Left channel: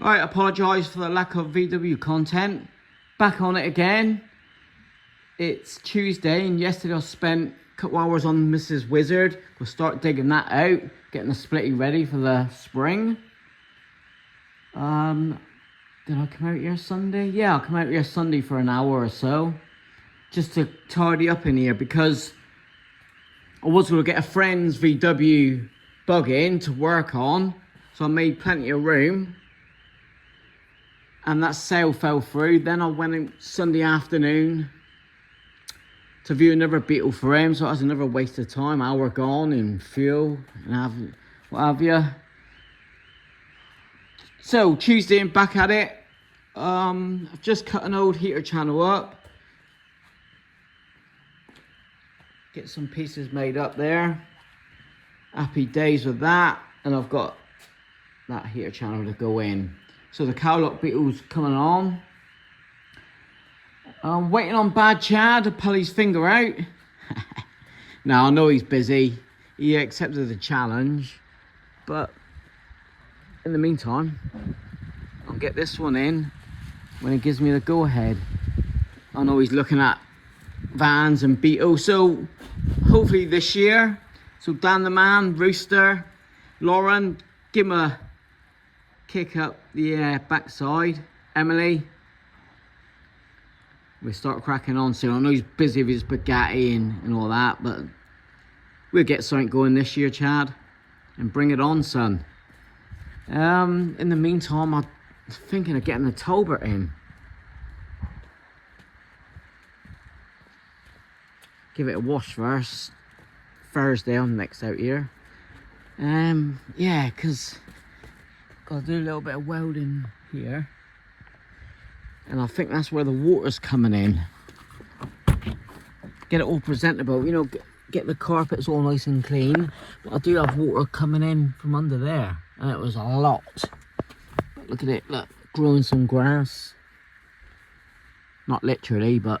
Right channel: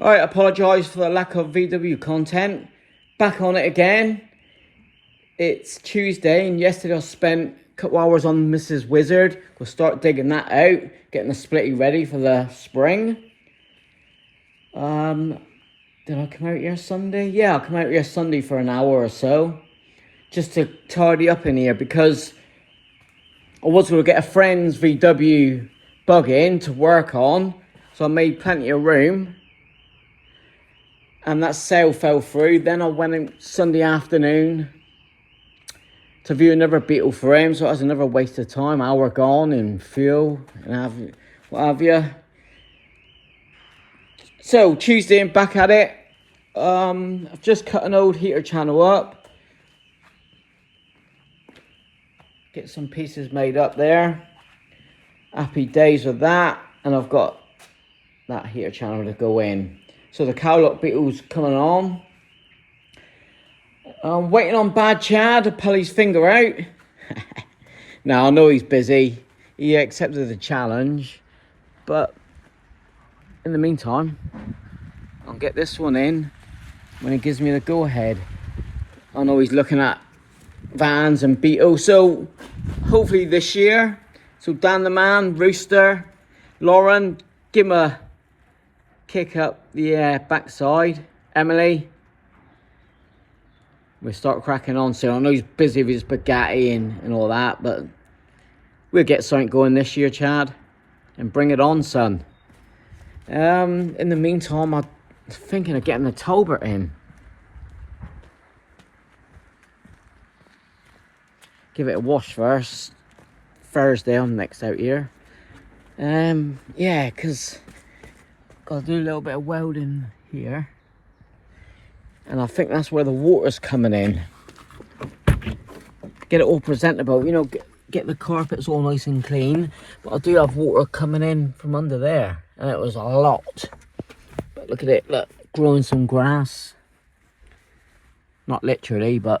Alright, apologise for the lack of VW content. Back on it again. It's Tuesday and yesterday I spent a couple hours on Mrs. Wizard. We'll start digging that out, getting the splitty ready for the spring. Did I come out here Sunday? Yeah, I'll come out here Sunday for an hour or so. Just to tidy up in here because I was going to get a friend's VW bug in to work on. So I made plenty of room. And that sale fell through. Then I went out Sunday afternoon to view another Beetle for him. So it was another waste of time. Hour gone in fuel and what have you. So Tuesday I'm back at it. I've just cut an old heater channel up. Get some pieces made up there. Happy days with that. And I've got that heater channel to go in. So the cowlock Beetle's coming on. I'm waiting on Bad Chad to pull his finger out. Now I know he's busy. He accepted the challenge. But in the meantime, I'll get this one in when he gives me the go ahead. I know he's looking at vans and Beetle. So hopefully this year. So Dan the man, Rooster, Lauren, give him a kick up the backside. Emily, we'll start cracking on soon. I know he's busy with his Bugatti and all that, but we'll get something going this year, Chad, and bring it on, son. In the meantime, I'm thinking of getting the Talbot in. Give it a wash first. Thursday I'm next out here. Yeah, because got to do a little bit of welding here. And I think that's where the water's coming in. Get it all presentable, you know, get the carpets all nice and clean. But I do have water coming in from under there. And it was a lot. But look at it, look, growing some grass. Not literally, but...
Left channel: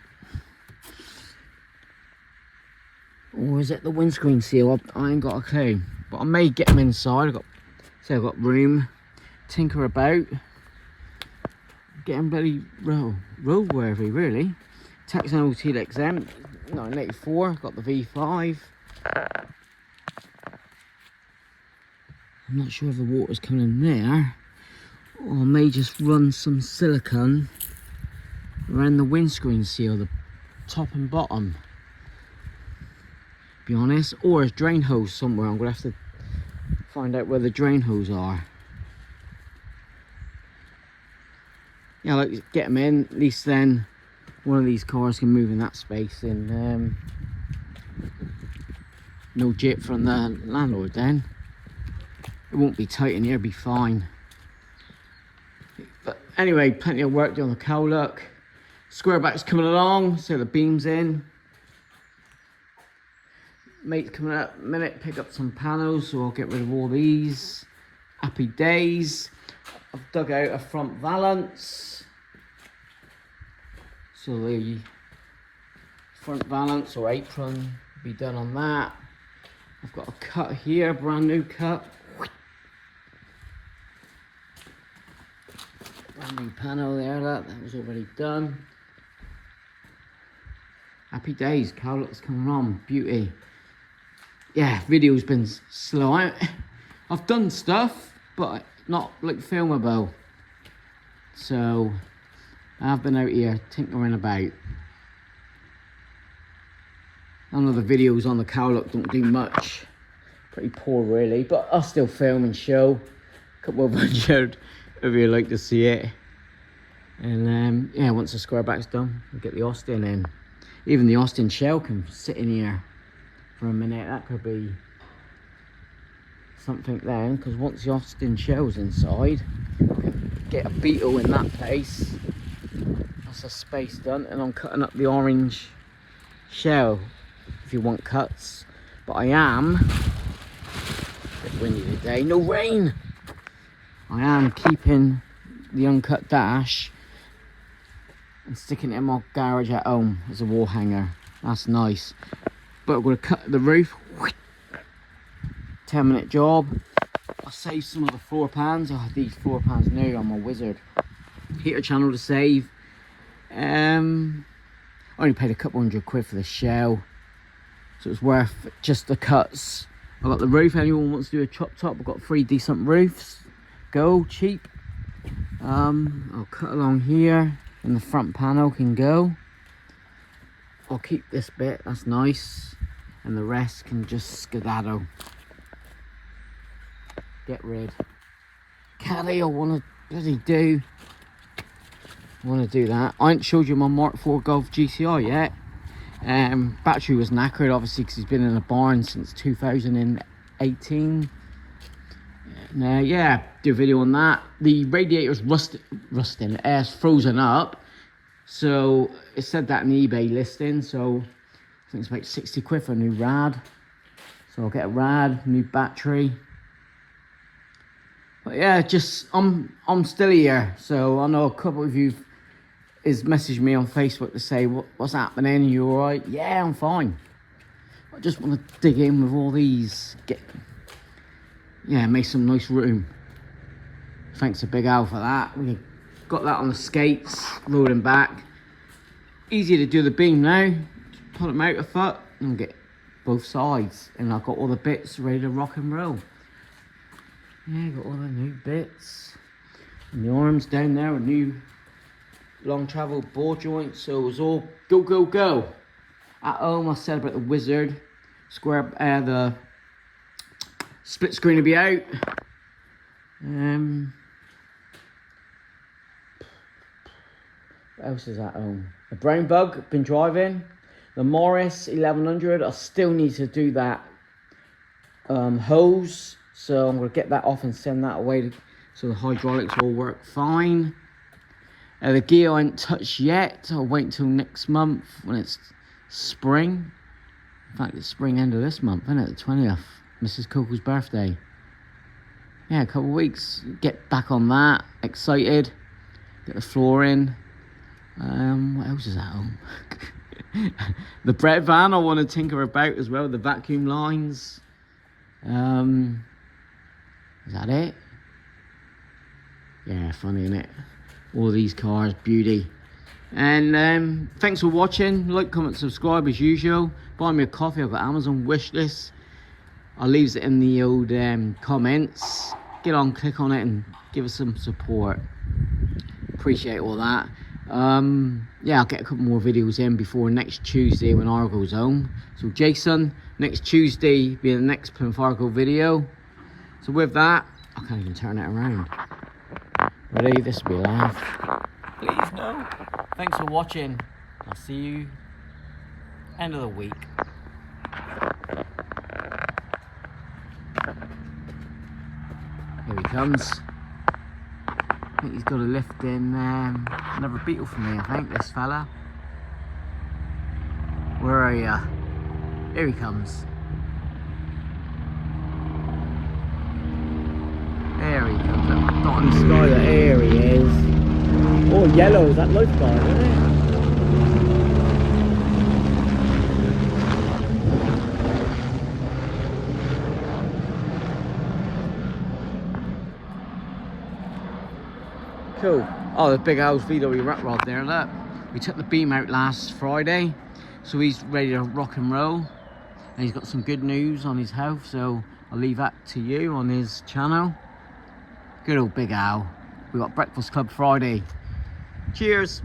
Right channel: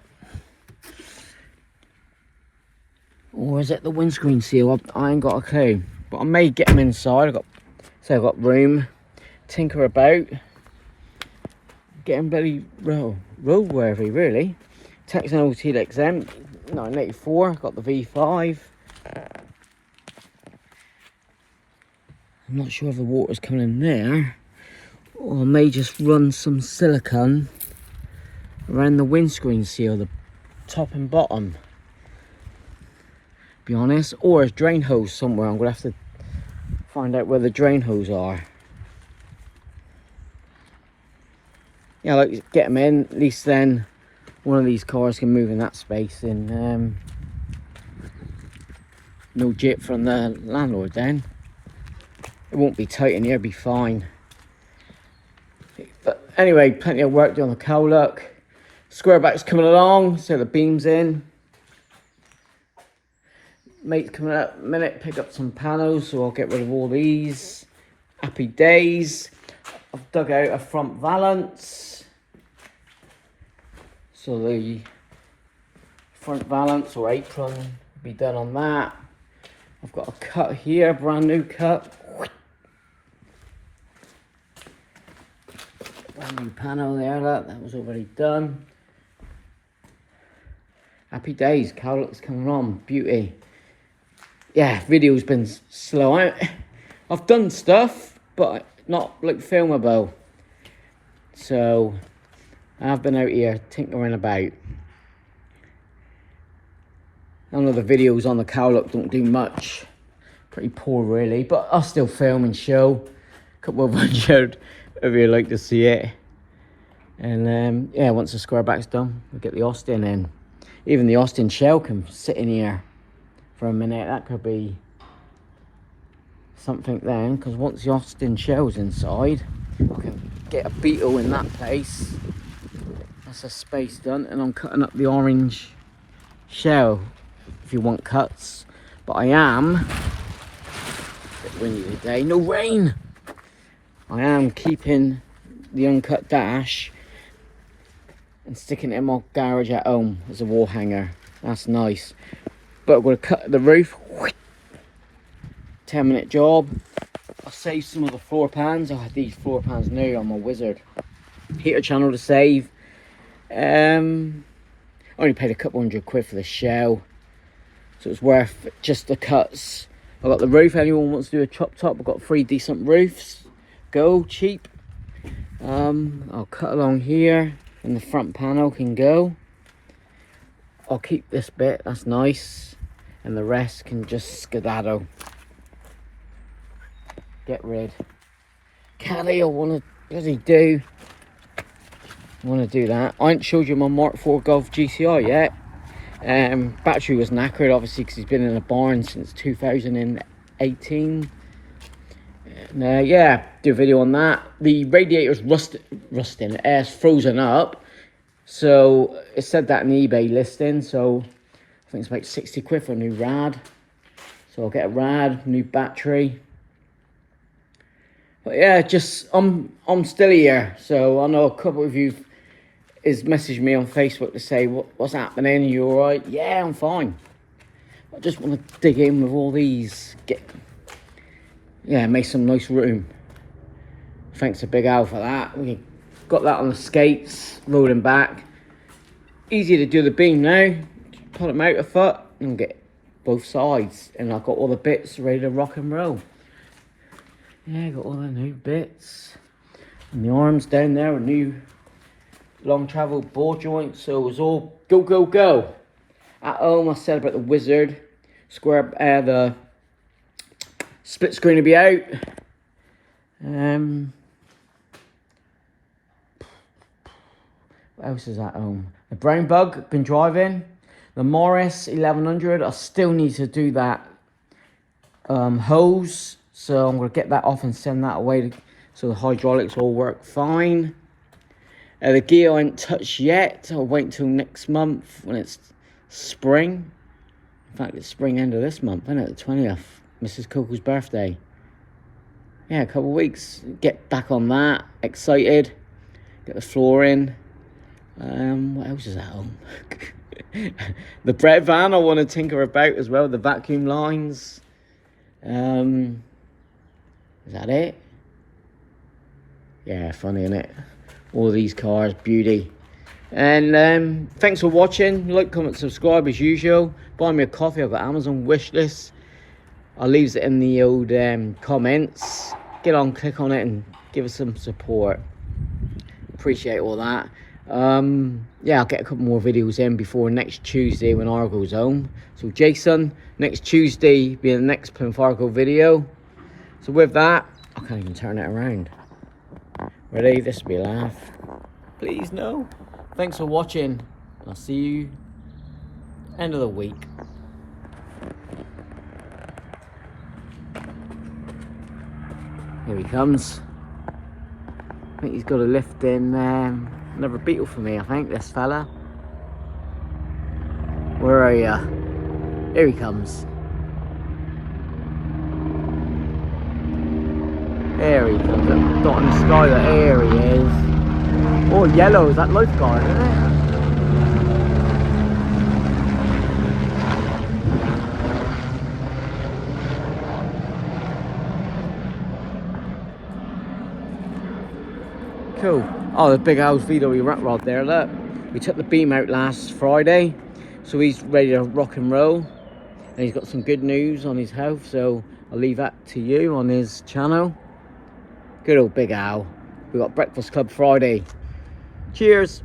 Or is it the windscreen seal? I ain't got a clue. But I may get them inside. I've got room. Tinker about. Getting bloody roadworthy, really. Texan OT exempt. 1984. Got the V5. I'm not sure if the water's coming in there. Or I may just run some silicone around the windscreen seal, the top and bottom. Be honest, or a drain hose somewhere. I'm gonna have to find out where the drain hose are. Yeah, like get them in. At least then one of these cars can move in that space. And no jip from the landlord. Then it won't be tight in here. It'll be fine. But anyway, plenty of work done on the cowlock. Square back's coming along. So the beams in. Mate's coming out in a minute, pick up some panels, so I'll get rid of all these. Happy days. I've dug out a front valance. So the front valance or apron will be done on that. I've got a cut here, brand new cut. Brand new panel there, that was already done. Happy days, cowlock's coming on, beauty. Yeah, video's been slow. I've done stuff, but not like filmable. So I've been out here tinkering about. None of the videos on the cowlock don't do much. Pretty poor really, but I'll still film and show. A couple of hundred if you'd like to see it. And yeah, once the square back's done, we'll get the Austin in. Even the Austin shell can sit in here for a minute. That could be something then, because once the Austin shell's inside, we can get a Beetle in that place. That's a space done, and I'm cutting up the orange shell if you want cuts. But I am a bit windy today, no rain. I am keeping the uncut dash and sticking it in my garage at home as a wall hanger. That's nice. But we're going to cut the roof. 10-minute job. I'll save some of the floor pans. I had these floor pans new on my Wizard. Heater channel to save. Only paid a couple £100 for the shell, so it's worth just the cuts. I got the roof. Anyone wants to do a chop top, I've got 3 decent roofs. Go cheap. I'll cut along here, and the front panel can go. I'll keep this bit, that's nice, and the rest can just skedaddle. Get rid. Caddy, I want to bloody do. I want to do that. I ain't showed you my Mark IV Golf GCI yet. Battery was knackered, obviously, because he's been in a barn since 2018. And, yeah, do a video on that. The radiator's rusting. Air's frozen up. So it said that in the eBay listing. So I think it's about £60 for a new rad. So I'll get a rad, new battery. But yeah, just I'm still here. So I know a couple of you is messaged me on Facebook to say what's happening. Are you all right? Yeah, I'm fine. I just want to dig in with all these. Make some nice room. Thanks to Big Al for that. We got that on the skates, loading back. Easy to do the beam now. Just pull them out a foot and get both sides. And I've got all the bits ready to rock and roll. Yeah, got all the new bits. And the arms down there, a new long travel ball joint. So it was all go, go, go. At home, I said about the Wizard. The split screen will be out. What else is at home? The Brown Bug, been driving. The Morris 1100, I still need to do that hose. So I'm going to get that off and send that away so the hydraulics all work fine. The gear I ain't touched yet. I'll wait until next month when it's spring. In fact, it's spring end of this month, isn't it? The 20th. Mrs. Coco's birthday. Yeah, a couple of weeks. Get back on that. Excited. Get the floor in. What else is at home? The bread van I want to tinker about as well. The vacuum lines. Is that it? Yeah, funny, isn't it? All these cars, beauty. And thanks for watching. Like, comment, subscribe as usual. Buy me a coffee. I've got Amazon wish list. I'll leave it in the old comments. Get on, click on it, and give us some support. Appreciate all that. Yeah, I'll get a couple more videos in before next Tuesday when Argo's home. So Jason, next Tuesday be the next Plymouth Argo video. So with that, I can't even turn it around. Ready? This will be a laugh. Please no. Thanks for watching. I'll see you end of the week. Here he comes. I think he's got a lift in another Beetle for me, I think, this fella. Where are you? Here he comes. There he comes. That dot in the sky, there he is. Oh, yellow, is that lifeguard, isn't it? Cool. Oh, the big old VW rat rod there, look. We took the beam out last Friday, so he's ready to rock and roll. And he's got some good news on his health, so I'll leave that to you on his channel. Good old Big Al. We got Breakfast Club Friday. Cheers.